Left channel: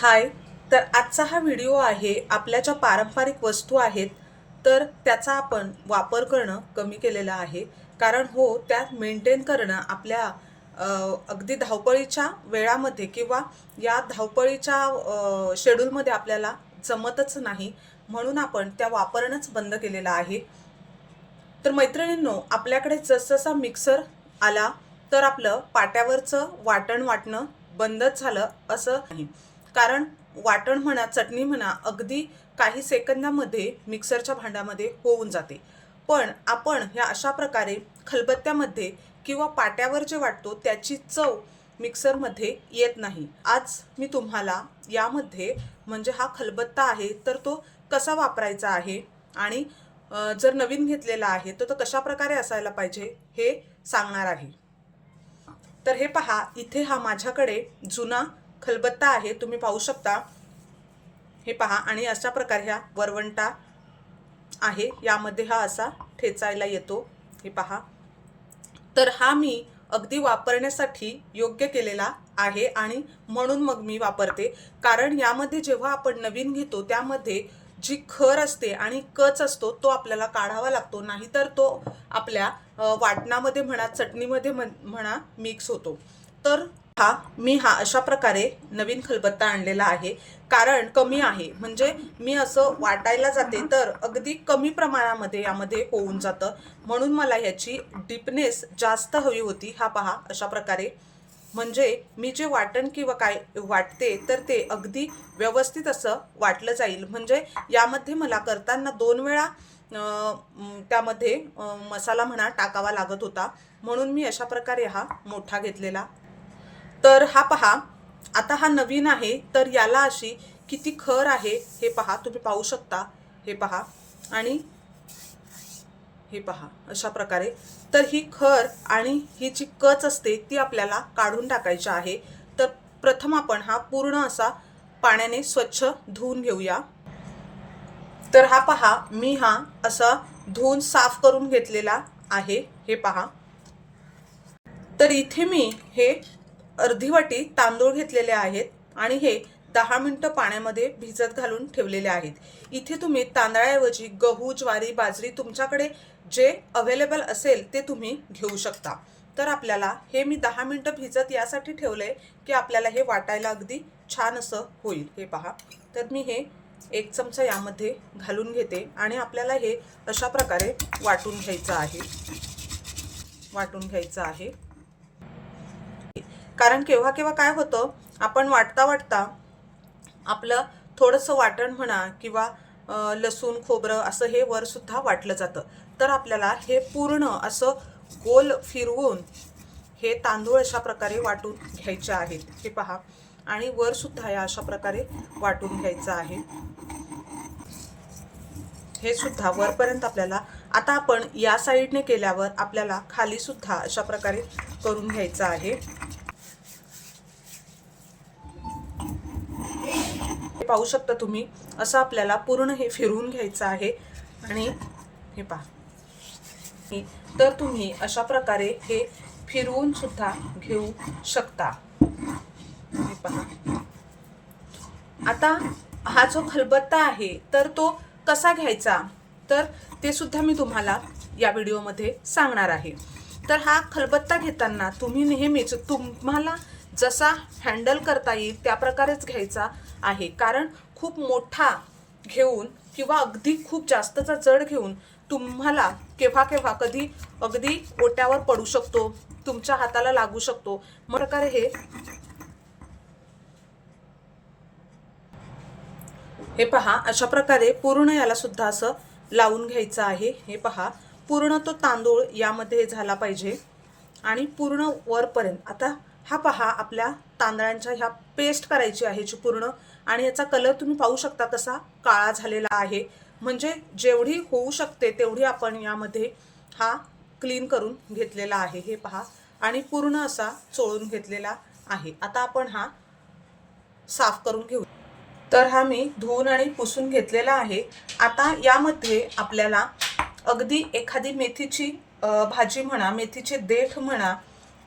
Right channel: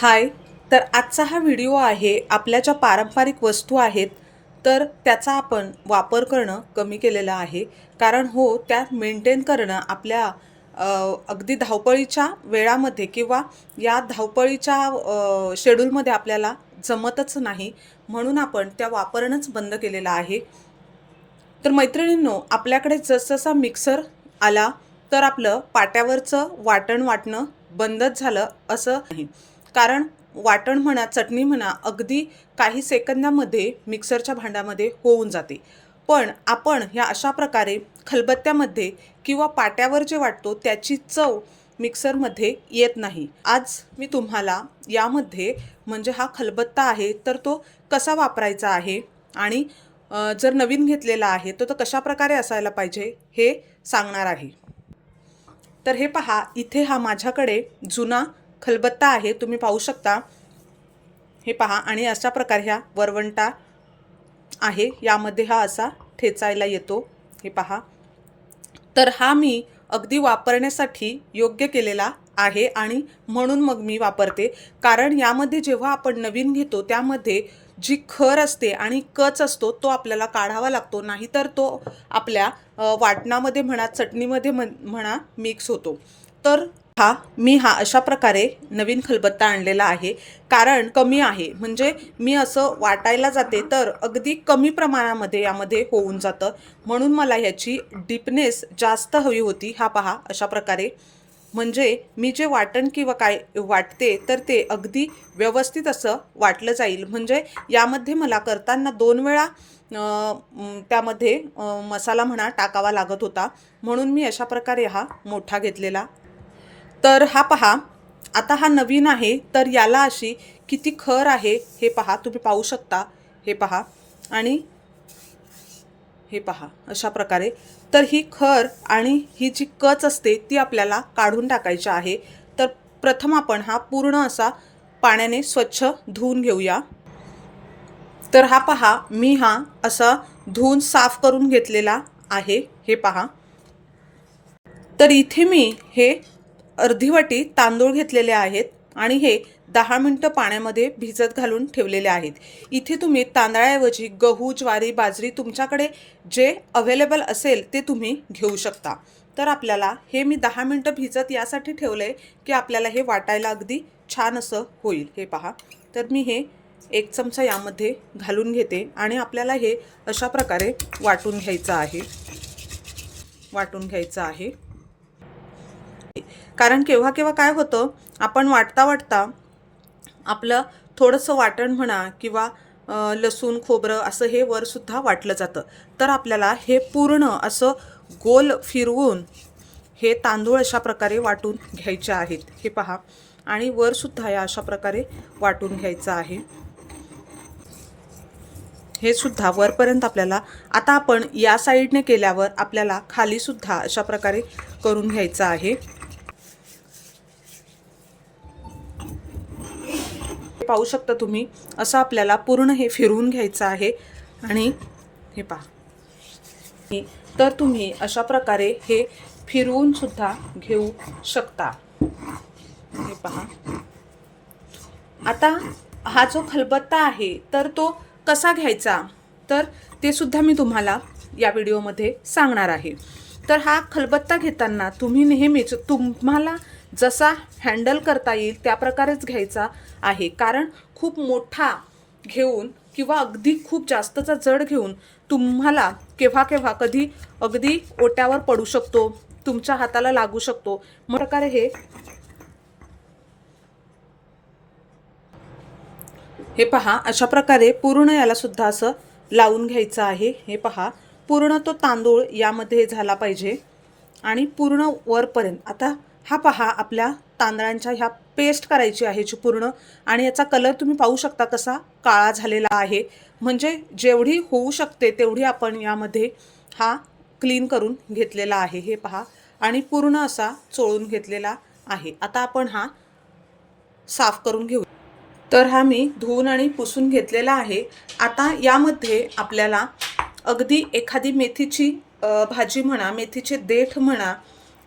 हाय तर आजचा हा व्हिडिओ आहे आपल्या ज्या पारंपरिक वस्तू आहेत तर त्याचा आपण वापर करणं कमी केलेला आहे. कारण हो त्या मेंटेन करणं आपल्या अगदी धावपळीच्या वेळामध्ये किंवा या धावपळीच्या शेड्यूलमध्ये आपल्याला जमतच नाही म्हणून आपण त्या वापरणंच बंद केलेलं आहे. तर मैत्रिणींनो आपल्याकडे जसजसा मिक्सर आला तर आपलं पाट्यावरचं वाटण वाटणं बंदच झालं असं नाही. कारण वाटण म्हणा चटणी म्हणा अगदी काही सेकंदामध्ये मिक्सरच्या भांड्यामध्ये होऊन जाते. पण आपण ह्या अशा प्रकारे खलबत्त्यामध्ये किंवा पाट्यावर जे वाटतो त्याची चव मिक्सरमध्ये येत नाही. आज मी तुम्हाला यामध्ये म्हणजे हा खलबत्ता आहे तर तो कसा वापरायचा आहे आणि जर नवीन घेतलेला आहे तर तो कशा प्रकारे असायला पाहिजे हे सांगणार आहे. तर हे पहा इथे हा माझ्याकडे जुना खलबत्ता आहे तुम्ही पाहू शकता. हे पहा आणि अशा प्रकारे ह्या वरवंटा आहे. यामध्ये हा असा ठेचायला येतो. हे पहा. तर हा मी अगदी वापरण्यासाठी योग्य केलेला आहे आणि म्हणून मग मी वापरते. कारण यामध्ये जेव्हा आपण नवीन घेतो त्यामध्ये जी खर असते आणि कच असतो तो आपल्याला काढावा लागतो. नाहीतर तो आपल्या वाटणामध्ये म्हणा चटणीमध्ये म्हणा मिक्स होतो. तर हा मी हा अशा प्रकारे नवीन खलबत्ता आणलेला आहे. कारण कमी आहे. म्हणजे मी असं वाटायला जाते तर अगदी कमी प्रमाणामध्ये यामध्ये होऊन जातं. म्हणून मला ह्याची डीपनेस जास्त हवी होती. हा पहा अशा प्रकारे. म्हणजे मी जे वाटण किंवा काय वाटते तर ते अगदी व्यवस्थित असं वाटलं जाईल. म्हणजे यामध्ये मला करताना दोन वेळा त्यामध्ये मसाला म्हणा टाकावा लागत होता. म्हणून मी अशा प्रकारे हा मोठा घेतलेला तर हा पहा आता हा नवीन आहे तर याला अशी किती खर आहे हे पहा तुम्ही पाहू शकता. हे पहा आणि हे पहा अशा प्रकारे. तर ही खर आणि ही जी कच असते ती आपल्याला काढून टाकायची आहे. तर प्रथम आपण हा पूर्ण असा पाण्याने स्वच्छ धुवून घेऊया. तर हा पहा मी हा असा धुवून साफ करून घेतलेला आहे. हे पहा. तर इथे मी हे अर्धी वाटी तांदूळ घेतलेले आहेत आणि हे दहा मिनटं पाण्यामध्ये भिजत घालून ठेवलेले आहेत. इथे तुम्ही तांदळाऐवजी गहू ज्वारी बाजरी तुमच्याकडे जे अवेलेबल असेल ते तुम्ही घेऊ शकता. तर आपल्याला हे मी दहा मिनटं भिजत यासाठी ठेवलं आहे की आपल्याला हे वाटायला अगदी छान असं होईल. हे पहा. तर मी हे एक चमचा यामध्ये घालून घेते आणि आपल्याला हे अशा प्रकारे वाटून घ्यायचं आहे. वाटून घ्यायचं आहे. कारण केव्हा केव्हा काय होतं आपण वाटता वाटता आपलं थोडंसं वाटण म्हणा किंवा लसूण खोबरं असं हे वरसुद्धा वाटलं जातं. तर आपल्याला हे पूर्ण असं गोल फिरवून हे तांदूळ अशा प्रकारे वाटून घ्यायचे आहेत. हे पहा. आणि वरसुद्धा या अशा प्रकारे वाटून घ्यायचं आहे. हे सुद्धा वरपर्यंत आपल्याला आता आपण या साईडने केल्यावर आपल्याला खाली सुद्धा अशा प्रकारे करून घ्यायचं आहे. पाहू शकता तुम्ही. असं आपल्याला पूर्ण हे फिरवून घ्यायचं आहे. आणि हे पहा. तर तुम्ही अशा प्रकारे हे फिरवून सुद्धा घेऊ शकता. हे पहा. आता हा जो खलबत्ता आहे तर तो कसा घ्यायचा? तर ते सुद्धा मी तुम्हाला या व्हिडिओमध्ये सांगणार आहे. तर हा खलबत्ता घेताना तुम्ही नेहमीच तुम्हाला जसा हँडल करता येईल त्या प्रकारेच घ्यायचा. आहे. कारण खूप मोठा घेऊन किंवा अगदी खूप जास्तचा जड घेऊन तुम्हाला केव्हा केव्हा कधी अगदी ओट्यावर पडू शकतो तुमच्या हाताला लागू शकतो. प्रकारे हे हे पहा अशा प्रकारे पूर्ण याला सुद्धा असं लावून घ्यायचं आहे. हे पहा पूर्ण तो तांदूळ यामध्ये झाला पाहिजे. आणि पूर्ण वरपर्यंत आता हा पहा आपल्या तांदळांच्या ह्या पेस्ट करायची आहे जी पूर्ण. आणि याचा कलर तुम्ही पाहू शकता कसा काळा झालेला आहे. म्हणजे जेवढी होऊ शकते तेवढी आपण यामध्ये हा क्लीन करून घेतलेला आहे. हे पहा. आणि पूर्ण असा चोळून घेतलेला आहे. आता आपण हा साफ करून घेऊ. तर हा मी धुवून आणि पुसून घेतलेला आहे. आता यामध्ये आपल्याला अगदी एखादी मेथीची भाजी म्हणा मेथीचे देठ म्हणा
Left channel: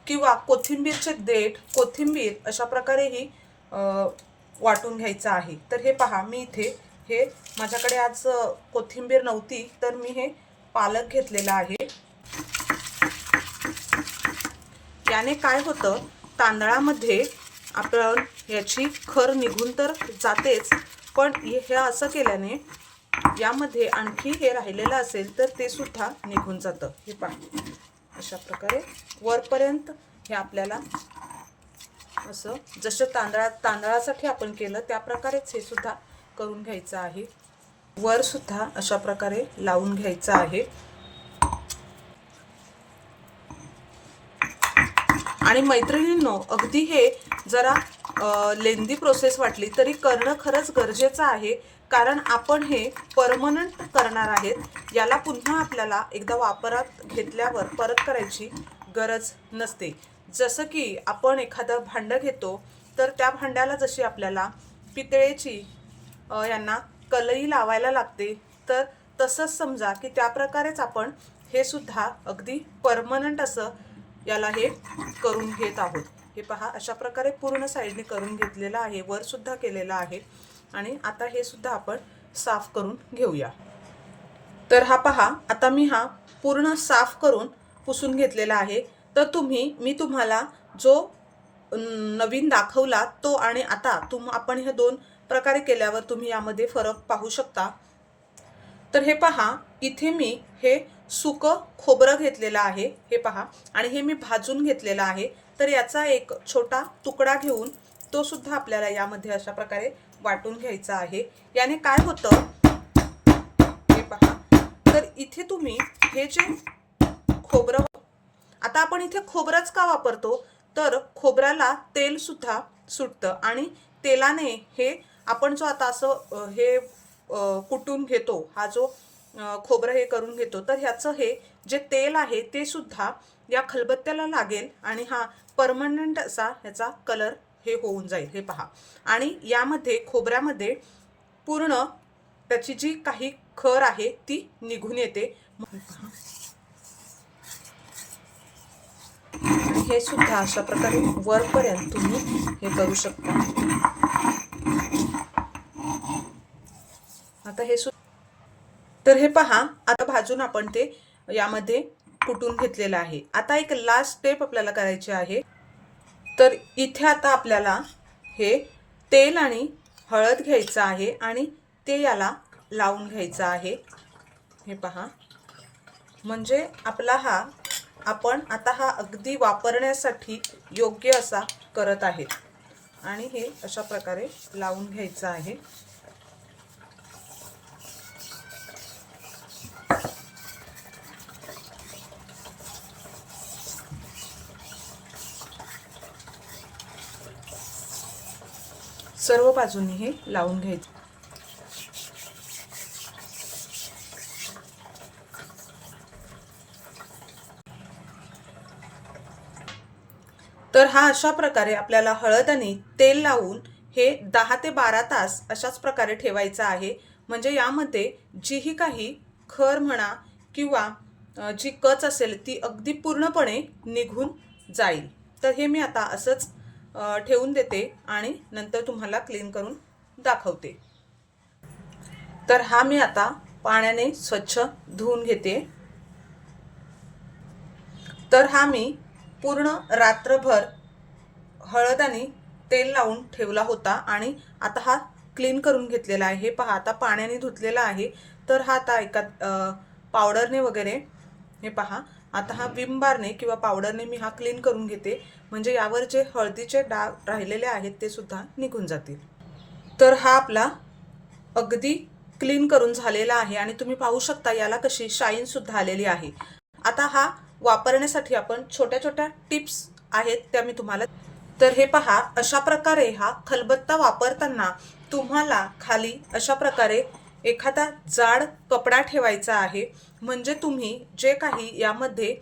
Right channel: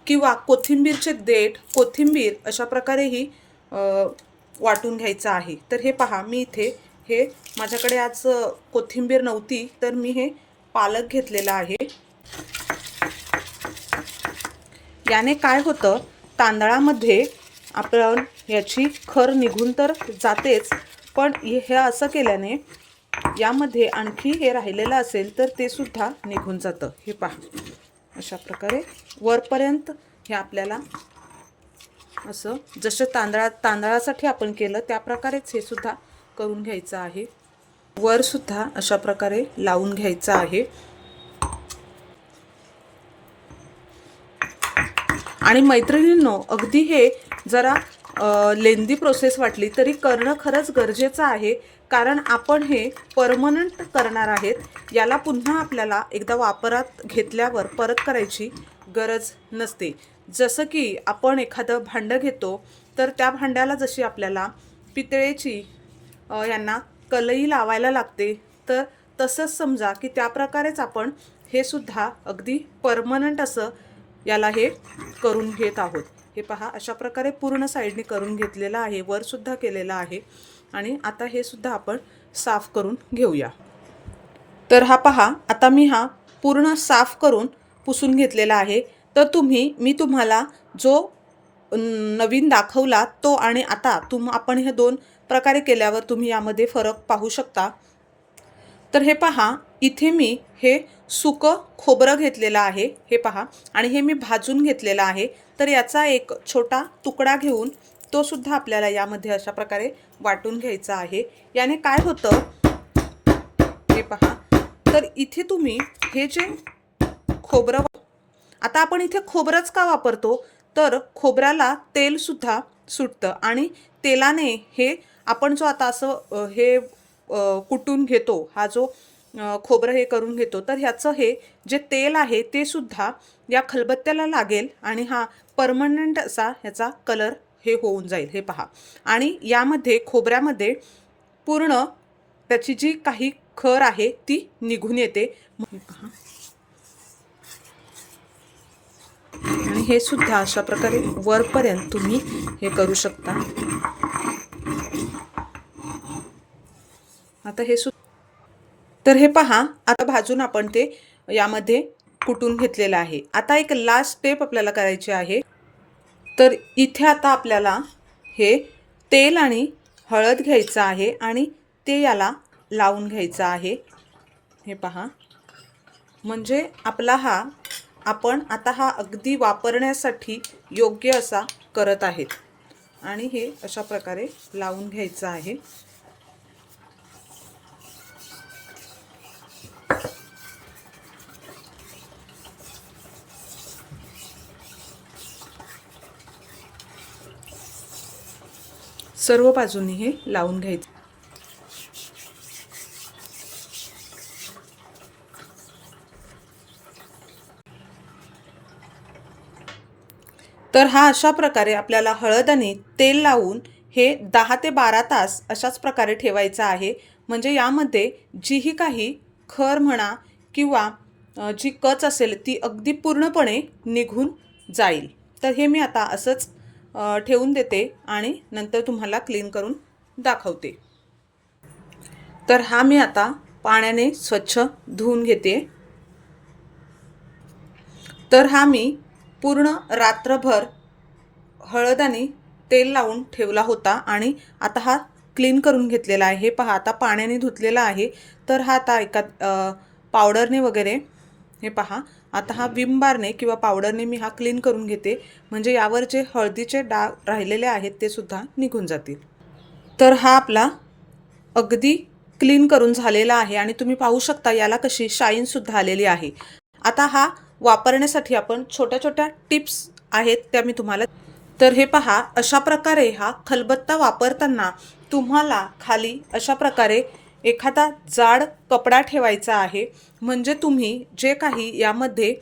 किंवा कोथिंबीरचे देठ कोथिंबीर अशा प्रकारेही वाटून घ्यायचं आहे. तर हे पहा मी इथे हे माझ्याकडे आज कोथिंबीर नव्हती तर मी हे पालक घेतलेला आहे. याने काय होतं तांदळामध्ये आपण याची खर निघून तर जातेच पण हे असं केल्याने यामध्ये आणखी हे राहिलेलं असेल तर ते सुद्धा निघून जातं. हे पहा. अशा प्रकारे वरपर्यंत हे आपल्याला असं जसं तांदळा तांदळासाठी आपण केलं त्या प्रकारेच हे सुद्धा करून घ्यायचं आहे. वर सुद्धा अशा प्रकारे लावून घ्यायचं आहे. आणि मैत्रिणींनो अगदी हे जरा लेंदी प्रोसेस वाटली तरी करणं खरंच गरजेचं आहे. कारण आपण हे परमनंट करणार आहेत याला पुन्हा आपल्याला एकदा वापरात घेतल्यावर परत करायची गरज नसते. जसं की आपण एखादं भांडं घेतो तर त्या भांड्याला जशी आपल्याला पितळेची यांना कलई लावायला लागते तर तसंच समजा की त्या प्रकारेच आपण हे सुद्धा अगदी परमनंट असं याला हे करून घेत आहोत. हे पहा अशा प्रकारे पूर्ण साईडने करून घेतलेलं आहे वर सुद्धा केलेलं आहे. आणि आता हे सुद्धा आपण साफ करून घेऊया. तर हा पहा आता मी हा पूर्ण साफ करून पुसून घेतलेला आहे. तर तुम्ही मी तुम्हाला जो नवीन दाखवला तो आणि आता तुम आपण हे दोन प्रकारे केल्यावर तुम्ही यामध्ये फरक पाहू शकता. तर हे पहा इथे मी हे सुकं खोबरं घेतलेलं आहे हे पहा. आणि हे मी भाजून घेतलेलं आहे. तर याचा एक छोटा तुकडा घेऊन तो सुद्धा आपल्याला यामध्ये अशा प्रकारे वाटून घ्यायचा आहे. याने काय होतं? हे पहा. तर इथे तुम्ही हे जे खोबरं आता आपण इथे खोबरंच का वापरतो? तर खोबऱ्याला तेल सुद्धा सुटतं आणि तेलाने हे आपण जो आता असं हे कुटून घेतो हा जो खोबरं हे करून घेतो तर ह्याचं हे जे तेल आहे ते सुद्धा या खलबत्त्याला लागेल आणि हा परमनंट असा ह्याचा कलर हे होऊन जाईल हे पहा. आणि यामध्ये खोबऱ्यामध्ये पूर्ण त्याची जी काही खर आहे ती निघून येते. हे सुद्धा अशा प्रकारे वरपर्यंत तुम्ही हे करू शकता. आता हे सु तर हे पहा आता भाजून आपण ते यामध्ये कुटून घेतलेलं आहे. आता एक लास्ट स्टेप आपल्याला करायची आहे. तर इथे आता आपल्याला हे तेल आणि हळद घ्यायचं आहे आणि ते याला लावून घ्यायचं आहे. हे पहा. म्हणजे आपला हा आपण आता हा अगदी वापरण्यासाठी योग्य असा करत आहेत. आणि हे अशा प्रकारे लावून घ्यायचं आहे. सर्व बाजूंनी हे लावून घ्यायचं. तर हा अशा प्रकारे आपल्याला हळद आणि तेल लावून हे दहा ते बारा तास अशाच प्रकारे ठेवायचं आहे. म्हणजे यामध्ये जीही काही खर म्हणा किंवा जी कच असेल ती अगदी पूर्णपणे निघून जाईल. तर हे मी आता असंच ठेवून देते आणि नंतर तुम्हाला क्लीन करून दाखवते. तर हा मी आता पाण्याने स्वच्छ धुवून घेते. तर हा मी पूर्ण रात्रभर हळद आणि तेल लावून ठेवला होता आणि आता हा क्लीन करून घेतलेला आहे. हे पहा आता पाण्याने धुतलेला आहे. तर हा आता एका पावडरने वगैरे हे पहा आता हा विम बारने किंवा पावडरने मी हा क्लीन करून घेते. म्हणजे यावर जे हळदीचे डाग राहिलेले आहेत ते सुद्धा निघून जातील. तर हा आपला अगदी क्लीन करून झालेला आहे आणि तुम्ही पाहू शकता याला कशी शाईन सुद्धा आलेली आहे. आता हा वापरण्यासाठी आपण छोट्या छोट्या टिप्स आहेत त्या मी तुम्हाला तर हे पहा अशा प्रकारे हा खलबत्ता वापरताना तुम्हाला खाली अशा प्रकारे एखादा जाड कपडा ठेवायचा आहे म्हणजे तुम्ही जे काही यामध्ये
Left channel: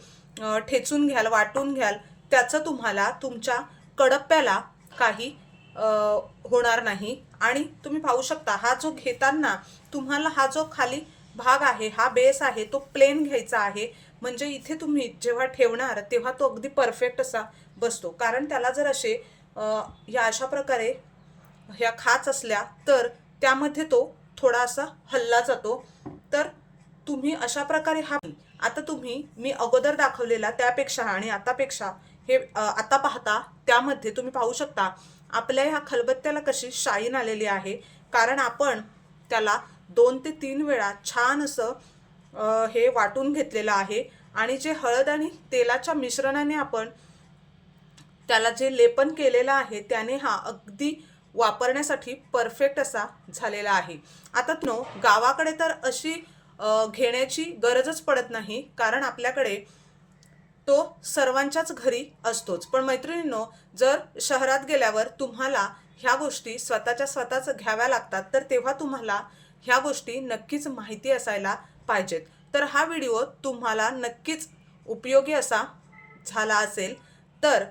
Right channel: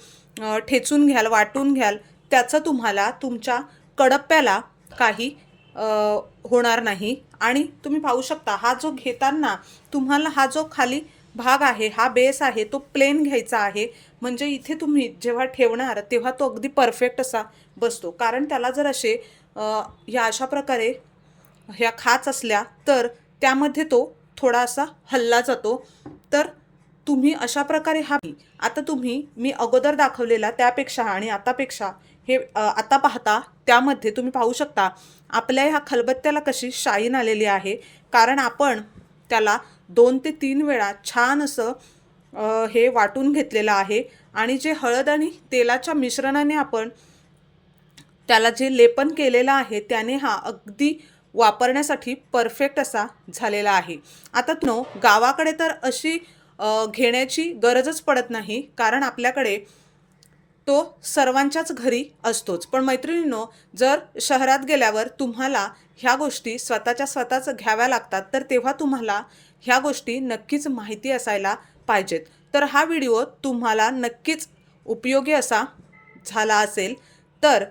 ठेचून घ्याल वाटून घ्याल त्याचं तुम्हाला तुमच्या कडप्प्याला काही होणार नाही. आणि तुम्ही पाहू शकता हा जो घेताना तुम्हाला हा जो खाली भाग आहे हा बेस आहे तो प्लेन घ्यायचा आहे. म्हणजे इथे तुम्ही जेव्हा ठेवणार तेव्हा तो अगदी परफेक्ट असा बसतो. कारण त्याला जर असे ह्या अशा प्रकारे ह्या खाच असल्या तर त्यामध्ये तो थोडासा हल्ला जातो. तर तुम्ही अशा प्रकारे हा आता तुम्ही मी अगोदर दाखवलेला त्यापेक्षा आणि आतापेक्षा हे आता पाहता त्यामध्ये तुम्ही पाहू शकता आपल्या ह्या खलबत्त्याला कशी शाईन आलेली आहे. कारण आपण त्याला दोन ते तीन वेळा छान असं हे वाटून घेतलेलं आहे. आणि जे हळद आणि तेलाच्या मिश्रणाने आपण त्याला जे लेपन केलेलं आहे त्याने हा अगदी वापरण्यासाठी परफेक्ट असा झालेला आहे. आता नो गावाकडे तर अशी घेण्याची गरजच पडत नाही कारण आपल्याकडे तो सर्वांच्याच घरी असतोच. पण मैत्रिणींनो जर शहरात गेल्यावर तुम्हाला ह्या गोष्टी स्वतःच्या स्वतःच घ्याव्या लागतात तर तेव्हा तुम्हाला ह्या गोष्टी नक्कीच माहिती असायला पाहिजेत. तर हा व्हिडिओ तुम्हाला नक्कीच उपयोगी असा झाला असेल तर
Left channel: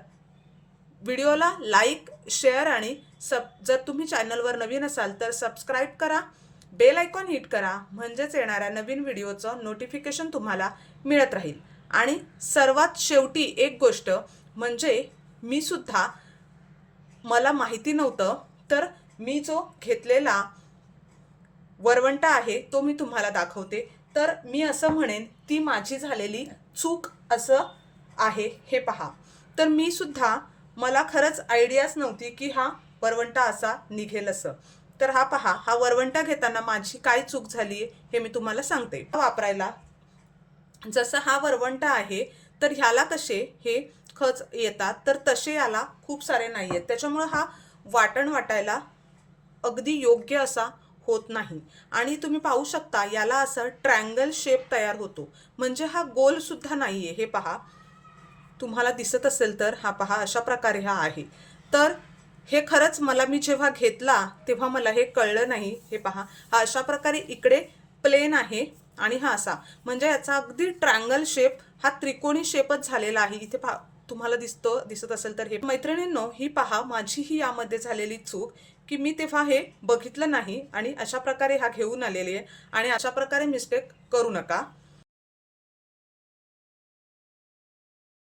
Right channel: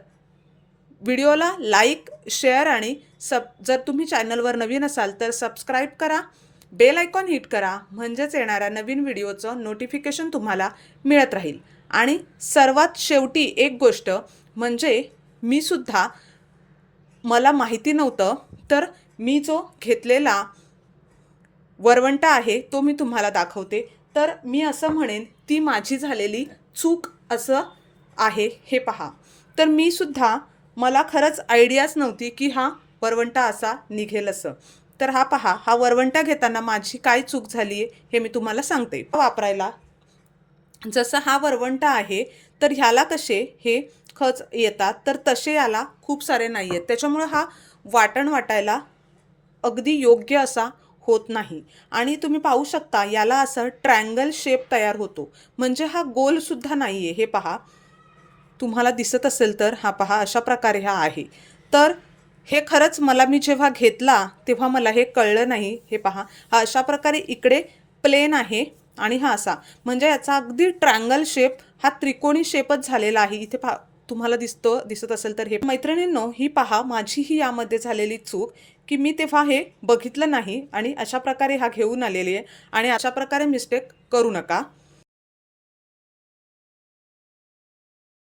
व्हिडिओला लाईक शेअर आणि सब जर तुम्ही चॅनलवर नवीन असाल तर सबस्क्राईब करा बेल आयकॉन हिट करा म्हणजेच येणाऱ्या नवीन व्हिडिओचं नोटिफिकेशन तुम्हाला मिळत राहील. आणि सर्वात शेवटी एक गोष्ट म्हणजे मी सुद्धा मला माहिती नव्हतं तर मी जो घेतलेला वरवंटा आहे तो मी तुम्हाला दाखवते. तर मी असं म्हणेन ती माझी झालेली चूक असं आहे हे पहा. तर मी सुद्धा मला खरंच आयडियाच नव्हती की हा वरवंटा असा निघेल असं. तर हा पहा हा वरवंटा घेताना माझी काय चूक झाली आहे हे मी तुम्हाला सांगते. वापरायला. जसं हा वरवंटा आहे तर ह्याला कसे हे खच येतात तर तसे याला खूप सारे नाही आहेत. त्याच्यामुळं हा वाटण वाटायला अगदी योग्य असा होत नाही. आणि तुम्ही पाहू शकता याला असं ट्रँगल शेप तयार होतो. म्हणजे हा गोलसुद्धा नाही आहे हे पहा तुम्हाला दिसत असेल तर हा पहा अशा प्रकारे हा आहे. तर हे खरंच मला मी जेव्हा घेतला तेव्हा मला हे कळलं नाही. हे पहा हा अशा प्रकारे इकडे प्लेन आहे आणि हा असा. म्हणजे याचा अगदी ट्रँगल शेप हा त्रिकोणी शेपच झालेला आहे. इथे पहा तुम्हाला दिसतो दिसत असेल तर हे. मैत्रिणींनो ही पहा माझी ही यामध्ये झालेली चूक की मी तेव्हा हे बघितलं नाही आणि अशा प्रकारे हा घेऊन आलेली आहे. आणि अशा प्रकारे मिस्टेक करू नका.